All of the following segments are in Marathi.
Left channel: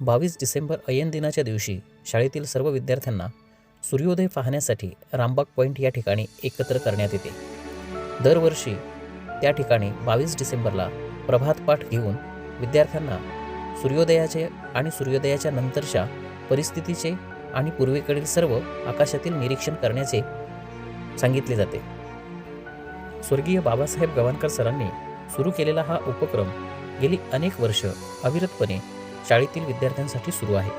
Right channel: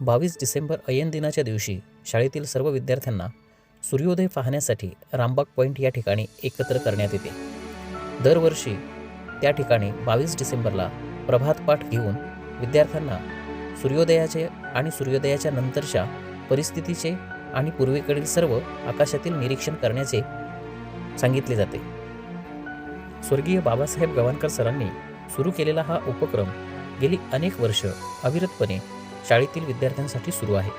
22 डिसेंबर अयन दिनाच्या दिवशी शाळेतील सर्व विद्यार्थ्यांना सूर्योदय पाहण्यासाठी रामबाग पॉईंट या ठिकाणी एकत्र करण्यात येते. दरवर्षी त्या ठिकाणी 22 डिसेंबरला प्रभातपाठ घेऊन विद्यार्थ्यांना सूर्योदयाचे आणि सूर्योदयाच्या नंतरच्या परिस्थितीचे आणि पूर्वेकडील सर्व आकाशातील निरीक्षण करण्याचे सांगितले जाते. स्वर्गीय बाबासाहेब गवाणकर सरांनी सुरू केलेला हा उपक्रम गेली अनेक वर्ष अविरतपणे शाळेतील विद्यार्थ्यांसाठी सुरू आहे.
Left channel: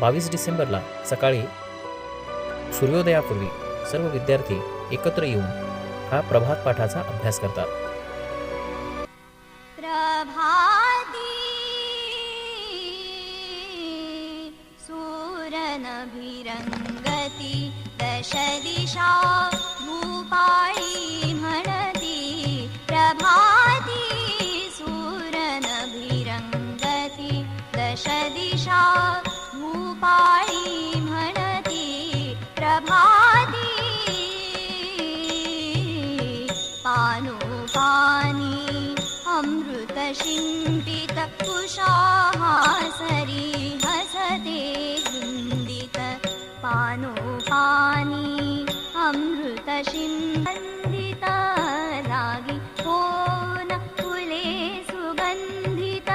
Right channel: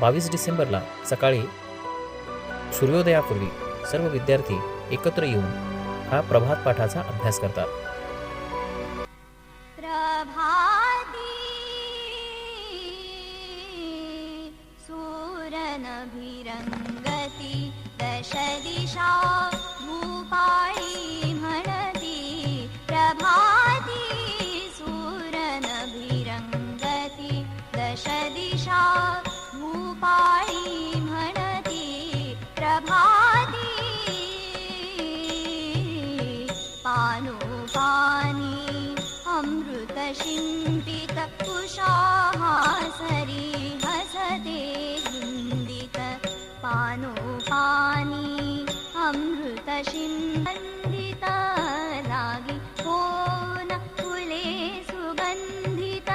22 डिसेंबरला सकाळी सूर्योदयापूर्वी सर्व विद्यार्थी एकत्र येऊन हा प्रभात पाठाचा अभ्यास करतात. सूरनभिरंगती दश दिशा भूपाळी म्हणती प्रभाती सूरनभिरंगती दश दिशा भूपाळी म्हणती प्रभाती पानुपानी अमृत शिंपित कुशाहासरी हसते गुंदित पानुपानी अमृत शिंपित लागी होन फुले सुगंधित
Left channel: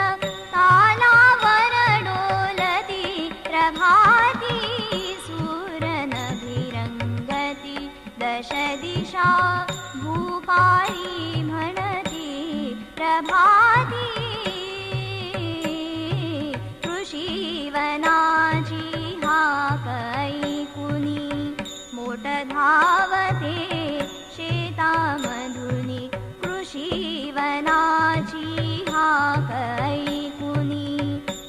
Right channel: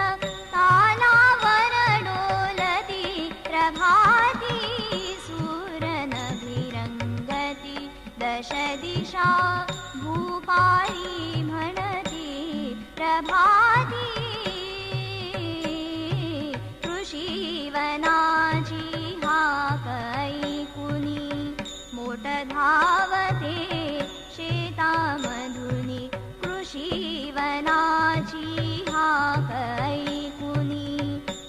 तालावर डोलती प्रभाती सूरनभिरंगती दश दिशा भूपाळी म्हणती प्रभाती कृषीवनाची हाक ऐकुनी मोठ धावते शेतामधुनी कृषीवनाची हाक ऐकुनी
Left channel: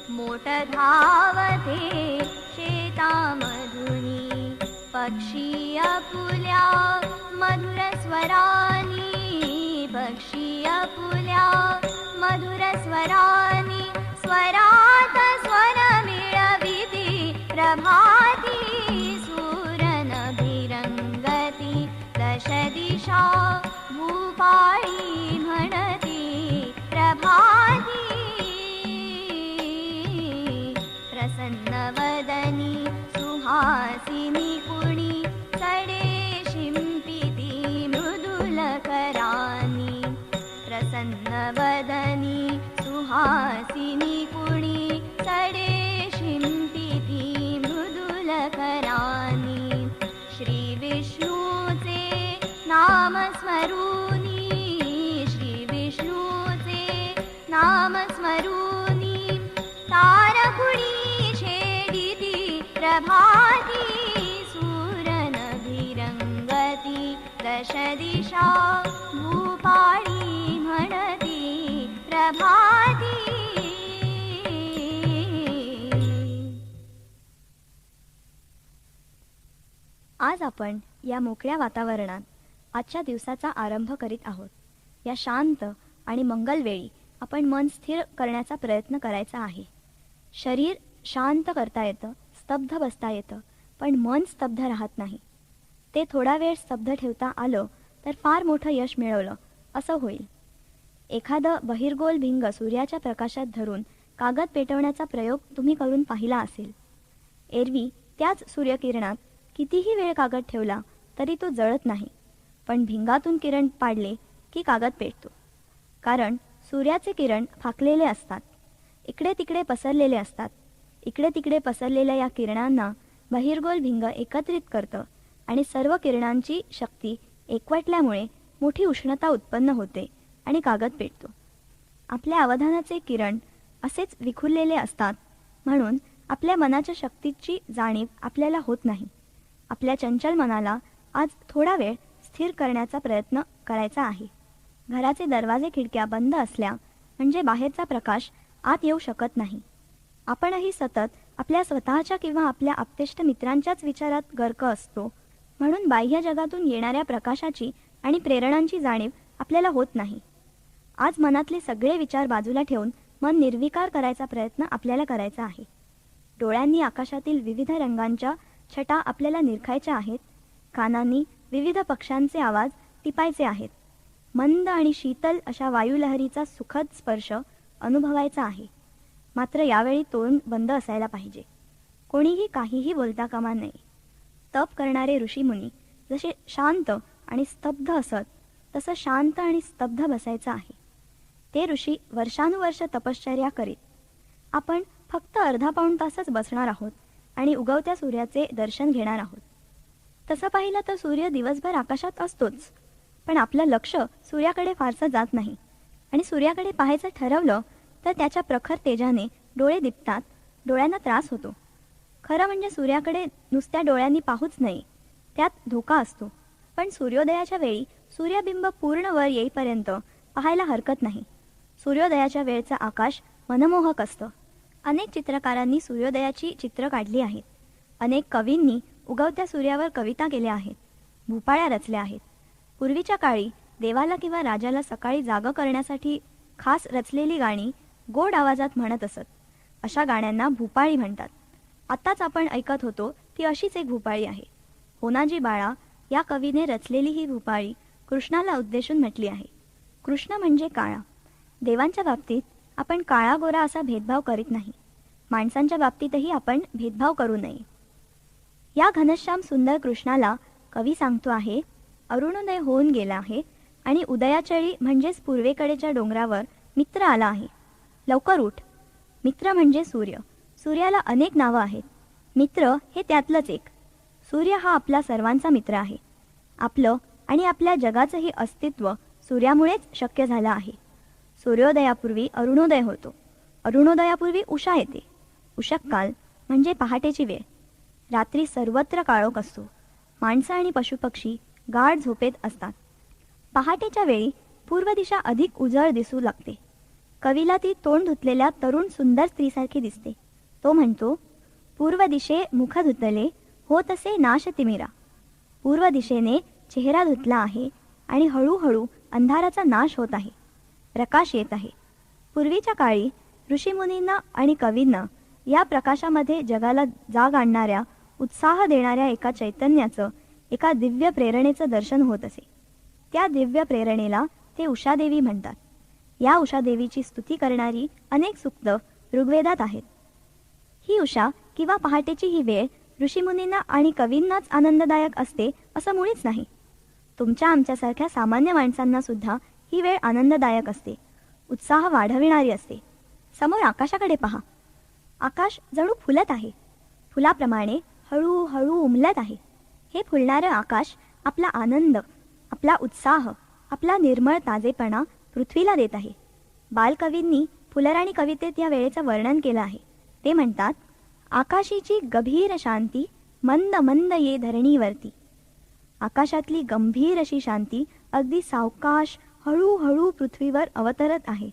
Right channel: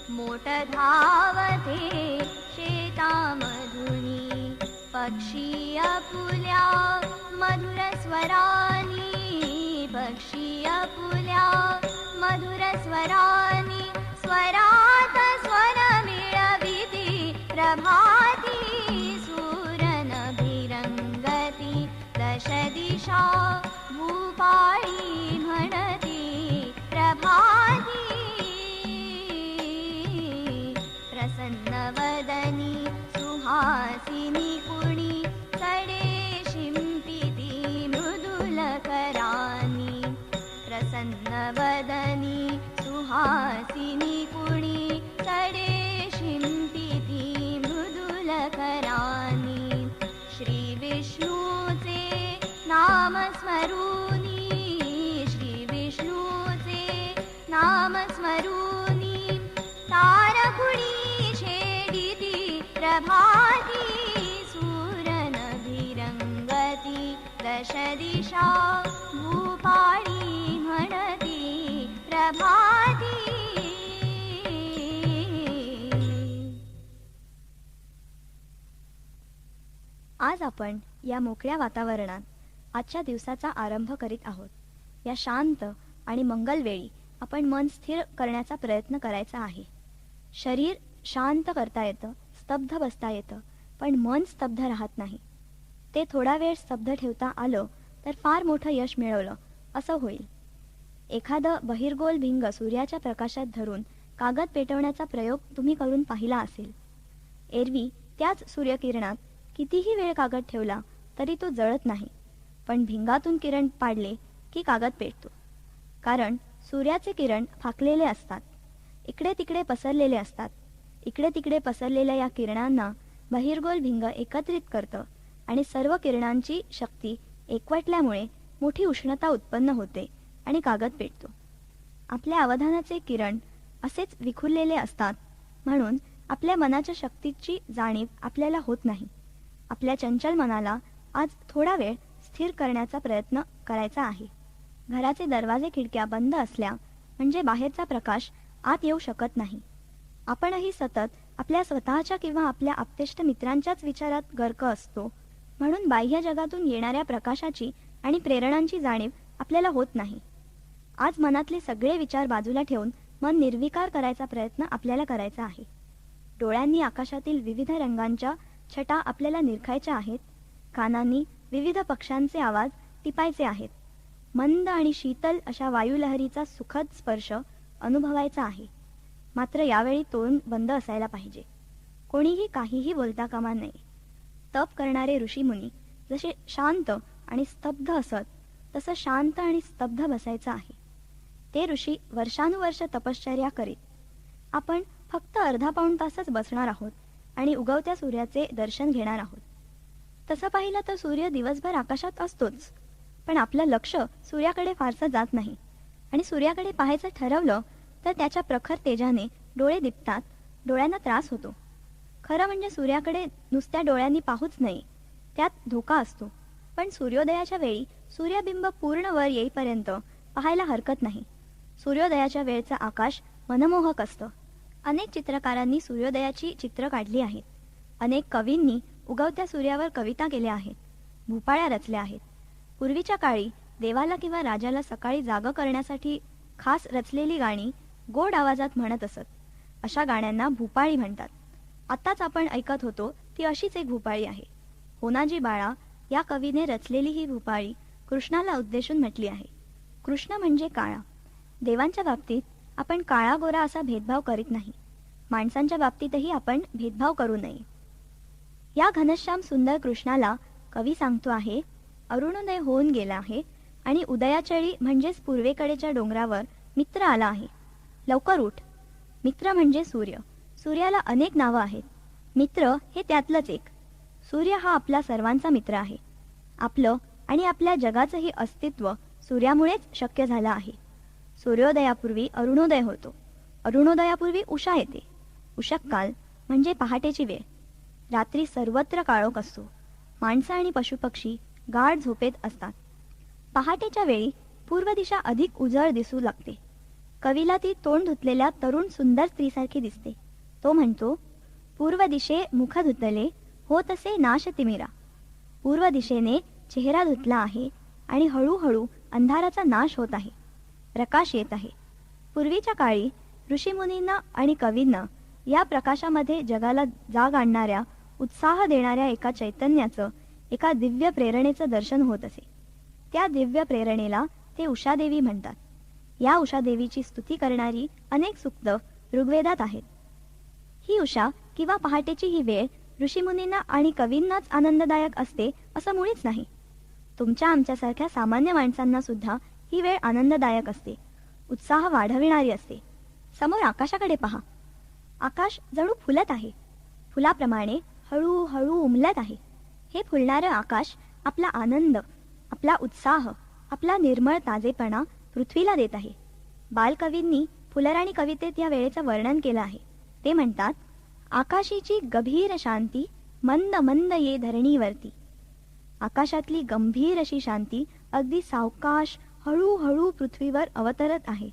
मोठ धावते शेतामधुनी पक्षी आपुल्या मधुर स्वरानी पक्षी आपुल्या मधुर स्वरानी स्वरात स्वर मिळविती प्रभाती सूरनभिरंगती दश दिशा भूपाळी म्हणती प्रभाती प्रसन्नवदनी सुहासिनी कुणी चढे शिंपिती मृदुलकरानी प्रसन्नवदनी सुहासिनी कुणी चढे शिंपिती मृदुलकरानी श्री विष्णूचे नाम स्मरूनी श्री विष्णूचे नाम स्मरूनी तारकुणी छेडिती प्रभाती सूरनभिरंगती दश दिशा भूपाळी म्हणती प्रभाती. आज आपण या मोकळ्या वातावरणात आजच्या दिवसाचा आरंभ करीत आहोत. या शांत आणि मंगल वेळी आपण मन स्थिर करण्याचा प्रयत्न करायचा आहे. शरीर शांत करता येतं, स्तब्ध बसता येतं, पण मन स्तब्ध राहत नाही. ते थोडा वेळ स्तब्ध ठेवता आलं तर फार मोठं यश मिळवलं असं होईल. एखादं बहिर्गोल भिंग सूर्याच्या प्रकाशात धरून कागद पेटवण्याचा प्रयोग तुम्ही करून पाहिला असेल. एरवी त्याच सूर्यकिरणात कितीही वेळ कागद ठेवला तरी तो जळत नाही, पण भिंगातून किरण पाडले की कागद पेटतो. कारण सूर्याचे किरण फाकलेले असतात, इकडे तिकडे पसरलेले असतात. इकडे तिकडे पसरलेल्या या किरणांना बहिर्गोल भिंग एकत्रित करतं आणि सर्व किरणांची शक्ती एकवटल्यामुळे मोठी उष्णता उत्पन्न होते आणि कागद पेटतो. आपल्या अवधानाचे किरण असेच विखुरलेले असतात, म्हणून आपल्या मनाच्या शक्तीची जाणीव आपल्याला होत नाही. आपल्या चंचल मनाला आज थोडा वेळ स्थिर करण्याचा प्रयत्न करायचा आहे. घराचे दरवाजे खिडक्या बंद असल्या म्हणजे बाहेरचा प्रकाश आत येऊ शकत नाही. आपणही सतत आपल्या स्वतःच्या किंवा आपल्या आप्तेष्ट मित्रांच्याच विचारात गर्क असतो, म्हणून बाह्य जगातून येणाऱ्या प्रकाशाची आणि प्रेरणांची जाणीव आपल्याला होत नाही. आज मनातले सगळे विचार बाजूला ठेवून मन निर्विकार करायचा प्रयत्न आपल्याला करायचा आहे. डोळ्यांनी आकाशातील विविध रंगांच्या छटा आपल्याला निरखायच्या आहेत. कानांनी विविध पक्ष्यांचे आवाज टिपायचे आहेत. मंद आणि शीतल अशा वायुलहरीचा सुखद स्पर्श अनुभवायचा आहे. मात्र यावेळी तोंड बंद असायला पाहिजे. कोणीही काहीही बोलता कामा नये. तप करणारे ऋषीमुनी जसे शांत आणि स्तब्ध असत तसं शांत आणि स्तब्ध बसायचं आहे. ते ऋषी वर्षानुवर्ष तपश्चर्या करीत. आपण फक्त अर्धा पाऊण तासच बसणार आहोत आणि उगवत्या सूर्याचे दर्शन घेणार आहोत. तसं पाहिलं तर सूर्य दिवसभर आकाशात असतोच, पण आपलं लक्ष सूर्याकडे फारसं जात नाही आणि सूर्याकडे पाहायचं ठरवलं तर त्याच्या प्रखर तेजाने डोळे दिपतात, डोळ्यांना त्रास होतो. खरं म्हणजे सूर्याकडे नुसत्या डोळ्यांनी पाहूच नये, त्यात धोका असतो. पण सूर्योदयाच्या वेळी सूर्यबिंब पूर्ण वर येईपर्यंत पाहायला हरकत नाही. सूर्योदयाच्या वेळचं आकाश मनमोहक असतं. अनेक चित्रकारांनी सूर्योदयाची चित्र काढली आहेत. अनेक कवींनी उगवत्या सूर्यावर कविता केल्या आहेत, भूपाळ्या रचल्या आहेत. पूर्वीच्या काळी देवाला किंवा राजाला सकाळी जागं करण्यासाठी खास रचलेली गाणी गोड आवाजात म्हणत असत. अशा गाण्यांना भूपाळी म्हणतात. आत्ताच आपण ऐकत होतो ती अशीच एक भूपाळी आहे. होनाजी बाळा या कवीने रचलेली ही भूपाळी कृष्णाला उद्देशून म्हटली आहे. कृष्ण म्हणजे काळा. देवांच्या बाबतीत आपण काळा गोरा असा भेदभाव करीत नाही. माणसांच्या बाबतीतही आपण भेदभाव करू नये. या घनश्याम सुंदर कृष्णाला कवी सांगतो आहे, अरुणोदय होऊन गेला आहे आणि उदयाचळी म्हणजेच पूर्वेकडेच्या डोंगरावर मित्र आला आहे. लवकर उठ. मित्र म्हणजे सूर्य. सूर्याला अनेक नावं आहेत. मित्र हे त्यातलंच एक. सूर्य हा आपला सर्वांचा मित्र आहे. आपलं आणि आपल्या जगाचंही अस्तित्व सूर्यामुळेच शक्य झालं आहे. सूर्योदयापूर्वी अरुणोदय होतो. अरुणोदयापूर्वी उषा येते. उषःकाल म्हणजे पहाटेची वेळ. रात्री सर्वत्र काळोख असतो. माणसं आणि पशुपक्षी गाढ झोपेत असतात. पहाटेच्या वेळी पूर्व दिशा अधिक उजळ दिसू लागते. कवीला ती तोंड धुतलेल्या तरुण सुंदर स्त्रीसारखी दिसते. तो म्हणतो, पूर्व दिशे मुख धुतले हो तसे नाश तिमिरा. पूर्व दिशेने चेहरा धुतला आहे आणि हळूहळू अंधाराचा नाश होत आहे, प्रकाश येत आहे. पूर्वीच्या काळी ऋषीमुनींना आणि कवींना या प्रकाशामध्ये जगाला जाग आणणाऱ्या, उत्साह देणाऱ्या एका चैतन्याचं, एका दिव्य प्रेरणेचं दर्शन होत असे. त्या दिव्य प्रेरणेला ते उषादेवी म्हणतात. या उषादेवीची स्तुती करणारी अनेक सूक्त ऋग्वेदात आहेत. ही उषा किंवा पहाटेची ही वेळ ऋषीमुनींना आणि कवींनाच आनंददायक असते असं मुळीच नाही. तुमच्या आमच्यासारख्या सामान्य माणसांना सुद्धा ही वेळ आनंददायक असते, उत्साह वाढविणारी असते. समोर आकाशाकडे पहा. आकाश जणू फुलत आहे. फुलाप्रमाणे हळूहळू उमलत आहे. हे फुलणारं आकाश आपला आनंद, आपला उत्साह, आपला निर्मळ ताजेपणा पृथ्वीला देत आहे. बालकवींनी फुलराणी कवितेत या वेळेचं वर्णन केलं आहे. ते म्हणतात, आकाशीची गभीर शांती मंद मंद ये धरणीवरती. आकाशातली गंभीर अशी शांती अगदी सावकाश हळूहळू पृथ्वीवर अवतरत आहे.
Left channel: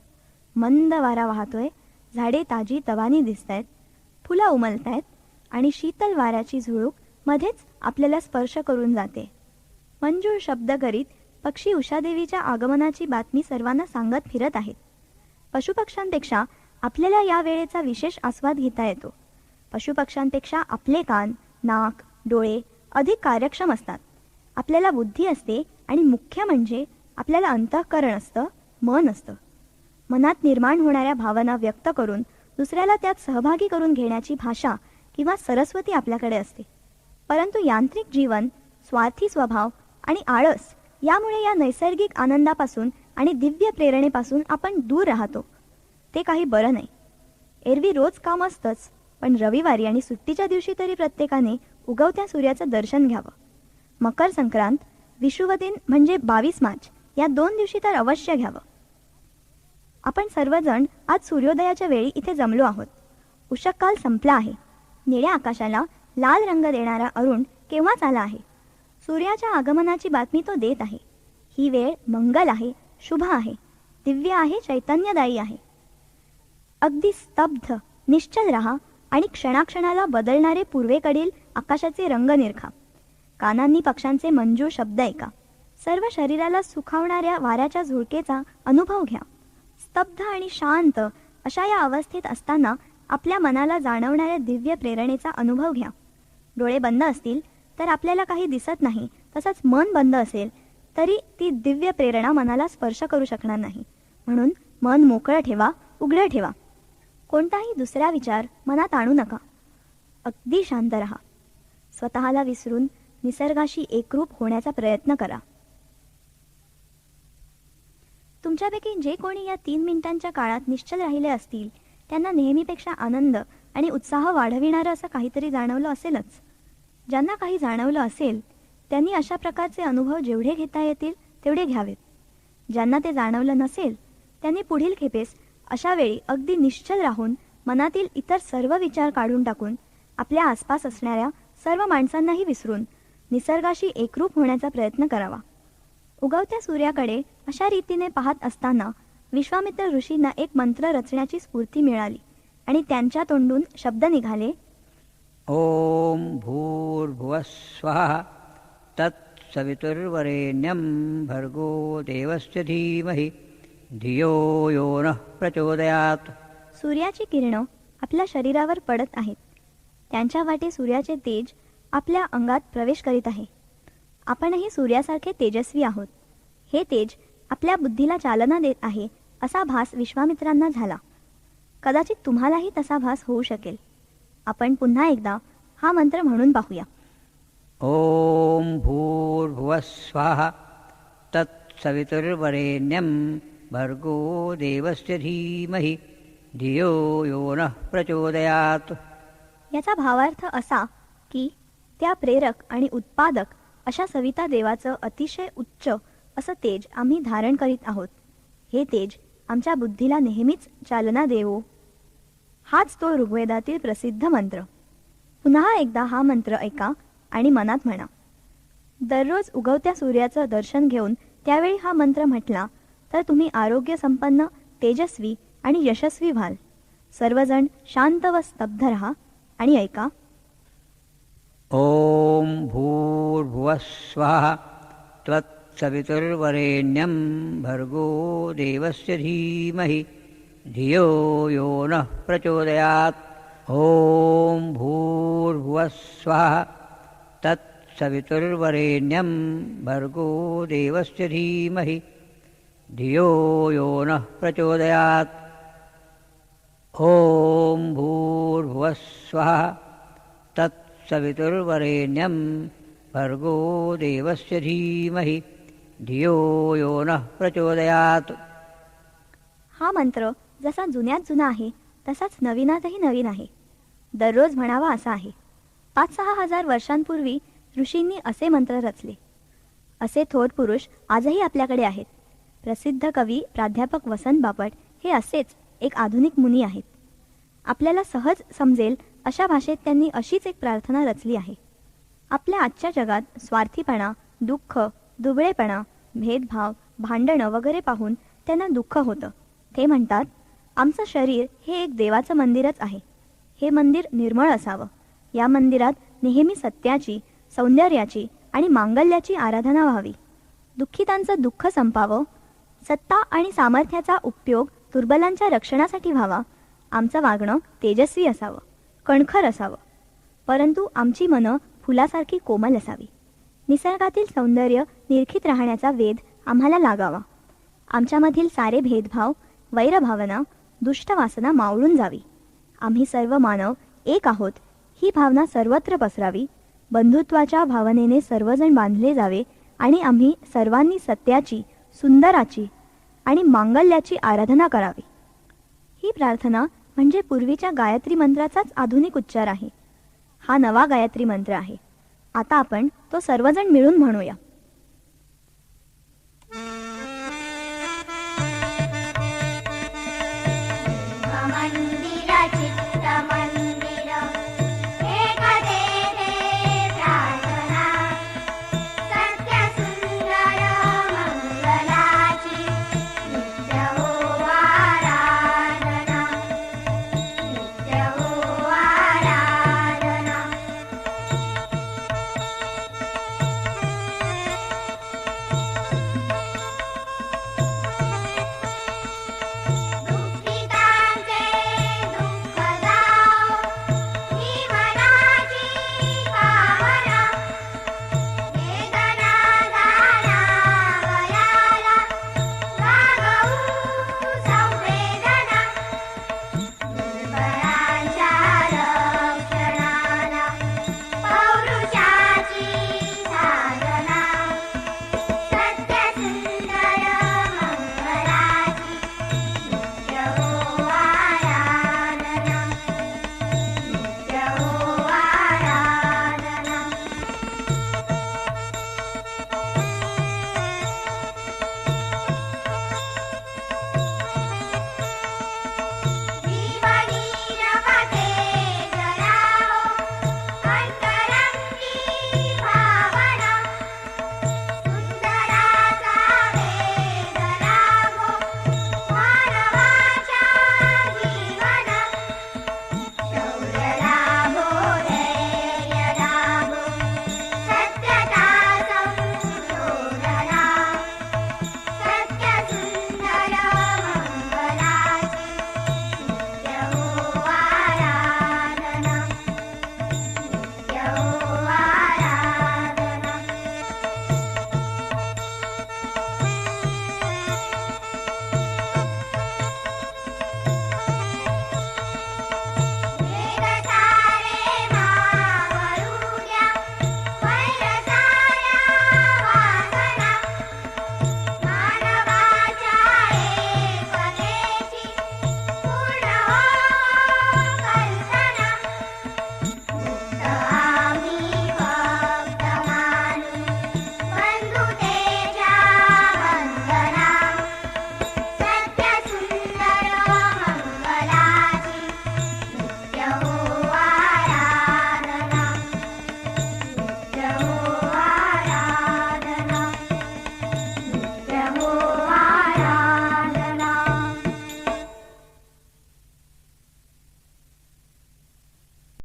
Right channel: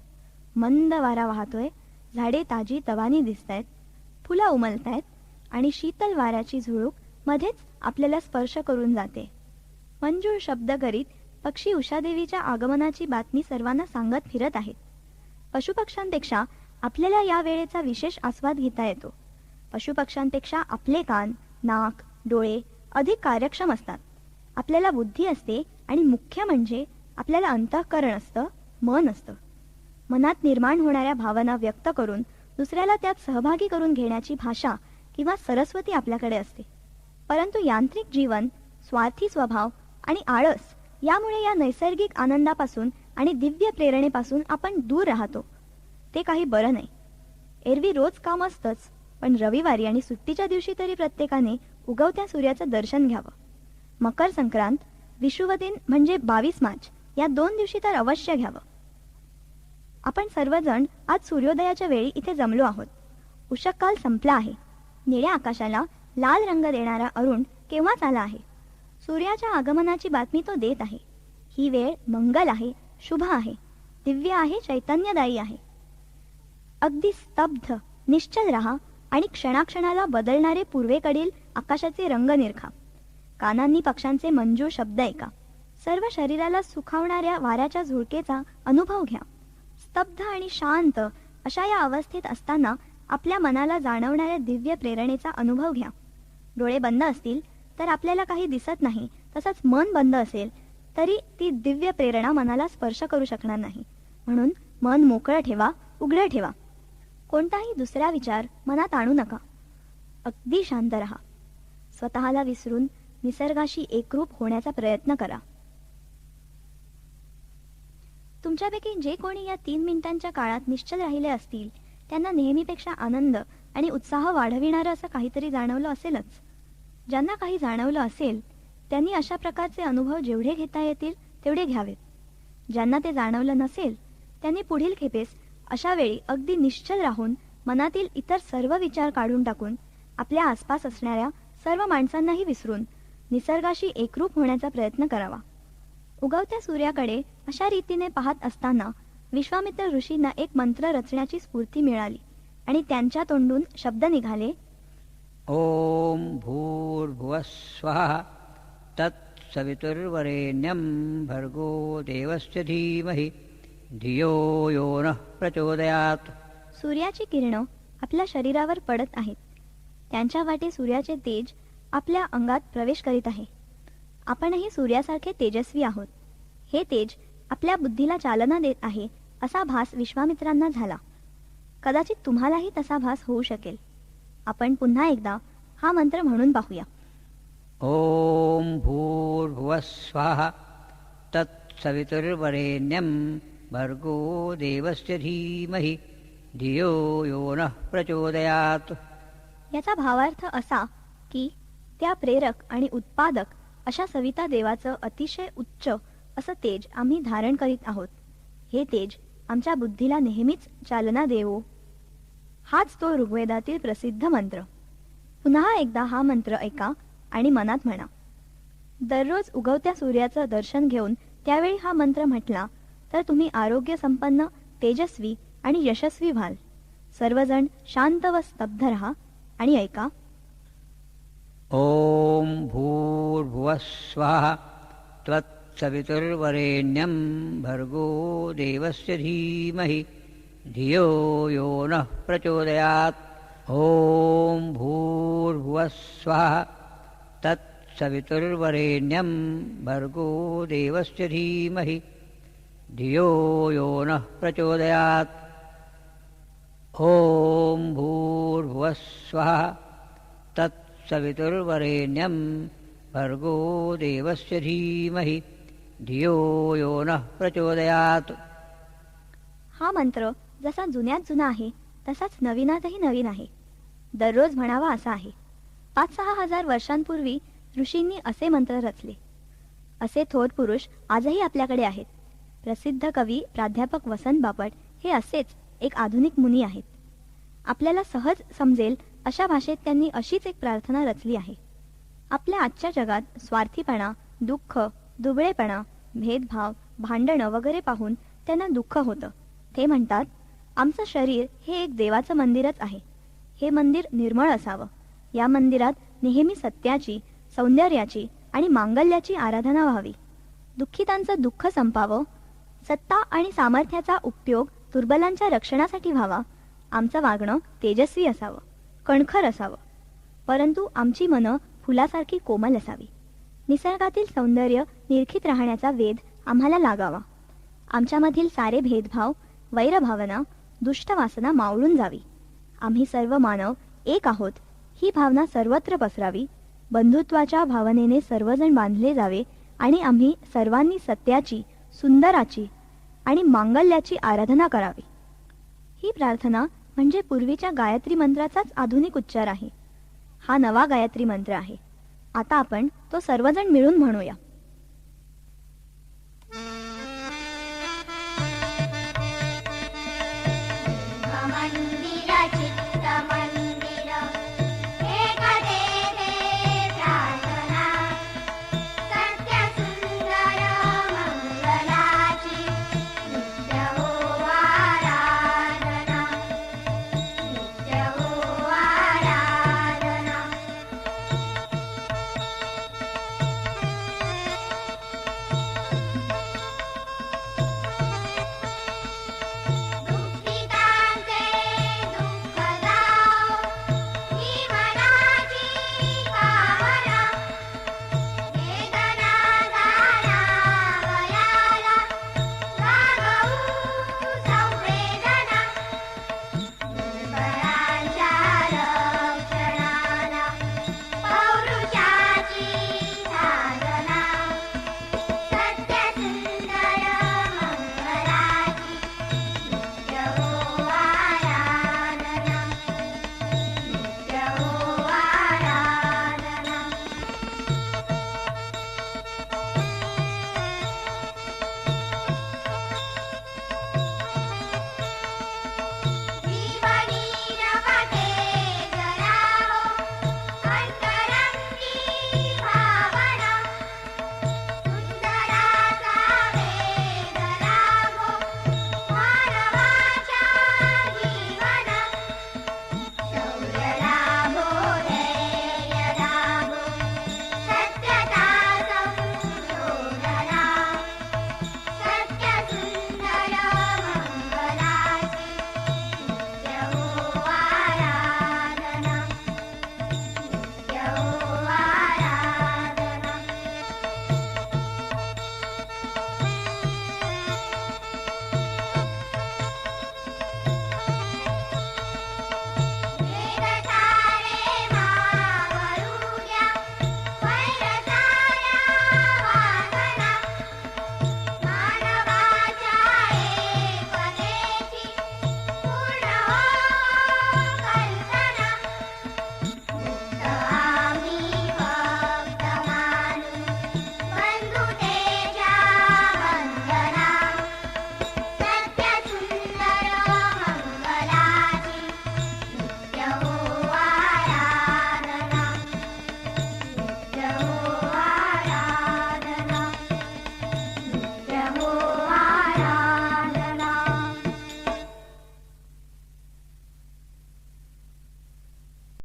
मंद वारा वाहतोय, झाडे ताजी तवानी दिसतायत, फुलं उमलतायत आणि शीतल वाऱ्याची झुळूक मध्येच आपल्याला स्पर्श करून जाते. मंजूळ शब्द करीत पक्षी उषादेवीच्या आगमनाची बातमी सर्वांना सांगत फिरत आहेत. पशुपक्ष्यांपेक्षा आपल्याला या वेळेचा विशेष आस्वाद घेता येतो. पशुपक्ष्यांपेक्षा आपले कान, नाक, डोळे अधिक कार्यक्षम असतात. आपल्याला बुद्धी असते आणि मुख्य म्हणजे आपल्याला अंतःकरण असतं, मन असतं. मनात निर्माण होणाऱ्या भावना व्यक्त करून दुसऱ्याला त्यात सहभागी करून घेण्याची भाषा किंवा सरस्वती आपल्याकडे असते. परंतु यांत्रिक जीवन, स्वार्थी स्वभाव आणि आळस यामुळे या नैसर्गिक आनंदापासून आणि दिव्य प्रेरणेपासून आपण दूर राहतो. ते काही बरं नाही. एरवी रोज काम असतंच, पण रविवारी आणि सुट्टीच्या दिवशी तरी प्रत्येकाने उगवत्या सूर्याचं दर्शन घ्यावं. मकर संक्रांत, विषुवदिन म्हणजे 22 मार्च या 2 दिवशी तर अवश्य घ्यावं. आपण सर्वजण आज सूर्योदयाच्या वेळी इथे जमलो आहोत. उषःकाल संपला आहे. निळ्या आकाशाला लाल रंग देणारा अरुण केव्हाच आला आहे. सूर्याच्या आगमनाची बातमी तो देत आहे. ही वेळ मंगल आहे, शुभ आहे, दिव्य आहे, चैतन्यदायी आहे. अगदी स्तब्ध, निश्चल राहा आणि क्षणाक्षणाला बदलणारे पूर्वेकडील आकाशाचे रंग निरखा. कानांनी पक्ष्यांचे मंजूळ शब्द ऐका. सर्व शरीराला सुखावणाऱ्या वाऱ्याच्या झुळकेचा अनुभव घ्या. स्तब्ध आणि शांत अशा या अवस्थेत असताना आपल्या मनाला जाणवणाऱ्या दिव्य प्रेरणेचा अनुभव घ्या. डोळे बंद असतील तर आपल्याला काही दिसत नाही, तसंच मन बंद असेल तरी ती दिव्य प्रेरणा मनाला स्पर्श करू शकणार नाही. म्हणून मन मोकळं ठेवा, उघडं ठेवा. कोणताही दुसरा विचार मनात आणू नका. अगदी शांत रहा. स्वतःला विसरून निसर्गाशी एकरूप होण्याचा प्रयत्न करा. तुमच्यापैकी जे कोणी या 3 मिनिटांच्या काळात निश्चल राहिले असतील त्यांना नेहमीपेक्षा आनंद आणि उत्साह वाढविणारं असं काहीतरी जाणवलं असेलच. ज्यांना काही जाणवलं असेल त्यांनी अशा प्रकारचे अनुभव जेवढे घेता येतील तेवढे घ्यावेत. ज्यांना ते जाणवलं नसेल त्यांनी पुढील खेपेस अशा वेळी अगदी निश्चल राहून मनातील इतर सर्व विचार काढून टाकून आपल्या आसपास असणाऱ्या सर्व माणसांनाही विसरून निसर्गाशी एकरूप होण्याचा प्रयत्न करावा. उगवत्या सूर्याकडे अशा रीतीने पाहत असताना विश्वामित्र ऋषींना एक मंत्र रचण्याची स्फूर्ती मिळाली आणि त्यांच्या तोंडून शब्द निघाले. ओम भूर्भुवः स्वः तत्सवितुर्वरेण्यं भर्गो देवस्य धीमहि धियो यो नः प्रचोदयात्. सूर्याची किरणं आपल्या शरीरावर पडत आहेत. त्यांच्या वाटे सूर्याचे तेज आपल्या अंगात प्रवेश करीत आहे. आपणही सूर्यासारखे तेजस्वी आहोत. हे तेज आपल्या बुद्धीला चालना देत आहे असा भास विश्वामित्रांना झाला. कदाचित तुम्हालाही तसा भास होऊ शकेल. आपण पुन्हा एकदा हा मंत्र म्हणून पाहूया. ओम भूर्भुवः स्वः तत्सवितुर्वरेण्यं भर्गो देवस्य धीमहि धियो यो नः प्रचोदयात्. याचा भावार्थ असा की त्या प्रेरक आणि उत्पादक अशा सविता देवाचं अतिशय उच्च असं तेज आम्ही धारण करीत आहोत. हे तेज आमच्या बुद्धीला नेहमीच चालना देवो. हाच तो ऋग्वेदातील प्रसिद्ध मंत्र. पुन्हा एकदा हा मंत्र ऐका आणि मनात म्हणा. दररोज उगवत्या सूर्याचं दर्शन घेऊन त्यावेळी हा मंत्र म्हटला तर तुम्ही आरोग्य संपन्न, तेजस्वी आणि यशस्वी व्हाल. सर्वजण शांत व स्तब्ध रहा आणि ऐका. ओम भूर्भुवः स्वः त्वत्सवितुर्वरेण्यं भर्गो देवस्य धीमहि धियो यो नः प्रचोदयात्. ओम भूर्भुवः स्वः तत्सवितुर्वरेण्यं भर्गो देवस्य धीमहि धियो यो नः प्रचोदयात्. ओम भूर्भुवः स्वः तत्सवितुर्वरेण्यं भर्गो देवस्य धीमहि धियो यो नः प्रचोदयात्. हा मंत्र जसा जुन्यात जुना आहे तसाच नवीनातही नवीन आहे. दररोज म्हणावा असा आहे. 5-6 हजार वर्षांपूर्वी ऋषींनी असे मंत्र रचले. असे थोर पुरुष आजही आपल्याकडे आहेत. प्रसिद्ध कवी प्राध्यापक वसंत बापट हे असेच एक आधुनिक मुनी आहेत. आपल्याला सहज समजेल अशा भाषेत त्यांनी अशीच एक प्रार्थना रचली आहे. आपल्या आजच्या जगात स्वार्थीपणा, दुःख, दुबळेपणा, भेदभाव, भांडणं वगैरे पाहून त्यांना दुःख होतं. ते म्हणतात, आमचं शरीर हे एक देवाचं मंदिरच आहे. हे मंदिर निर्मळ असावं. या मंदिरात नेहमी सत्याची, सौंदर्याची आणि मांगल्याची आराधना व्हावी. दुःखितांचं दुःख संपावं. सत्ता आणि सामर्थ्याचा उपयोग दुर्बलांच्या रक्षणासाठी व्हावा. आमचं वागणं तेजस्वी असावं, कणखर असावं, परंतु आमची मनं फुलासारखी कोमल असावी. निसर्गातील सौंदर्य निरखित राहण्याचा वेध आम्हाला लागावा. आमच्यामधील सारे भेदभाव, वैरभावना, दुष्ट वासना मावळून जावी. आम्ही सर्व मानव एक आहोत ही भावना सर्वत्र पसरावी. बंधुत्वाच्या भावनेने सर्वजण बांधले जावे आणि आम्ही सर्वांनी सत्याची, सुंदराची आणि मांगल्याची आराधना करावी. ही प्रार्थना म्हणजे पूर्वीच्या गायत्री मंत्राचाच आधुनिक उच्चार आहे. हा नवा गायत्री मंत्र आहे. आता आपण तो सर्वजण मिळून म्हणूया.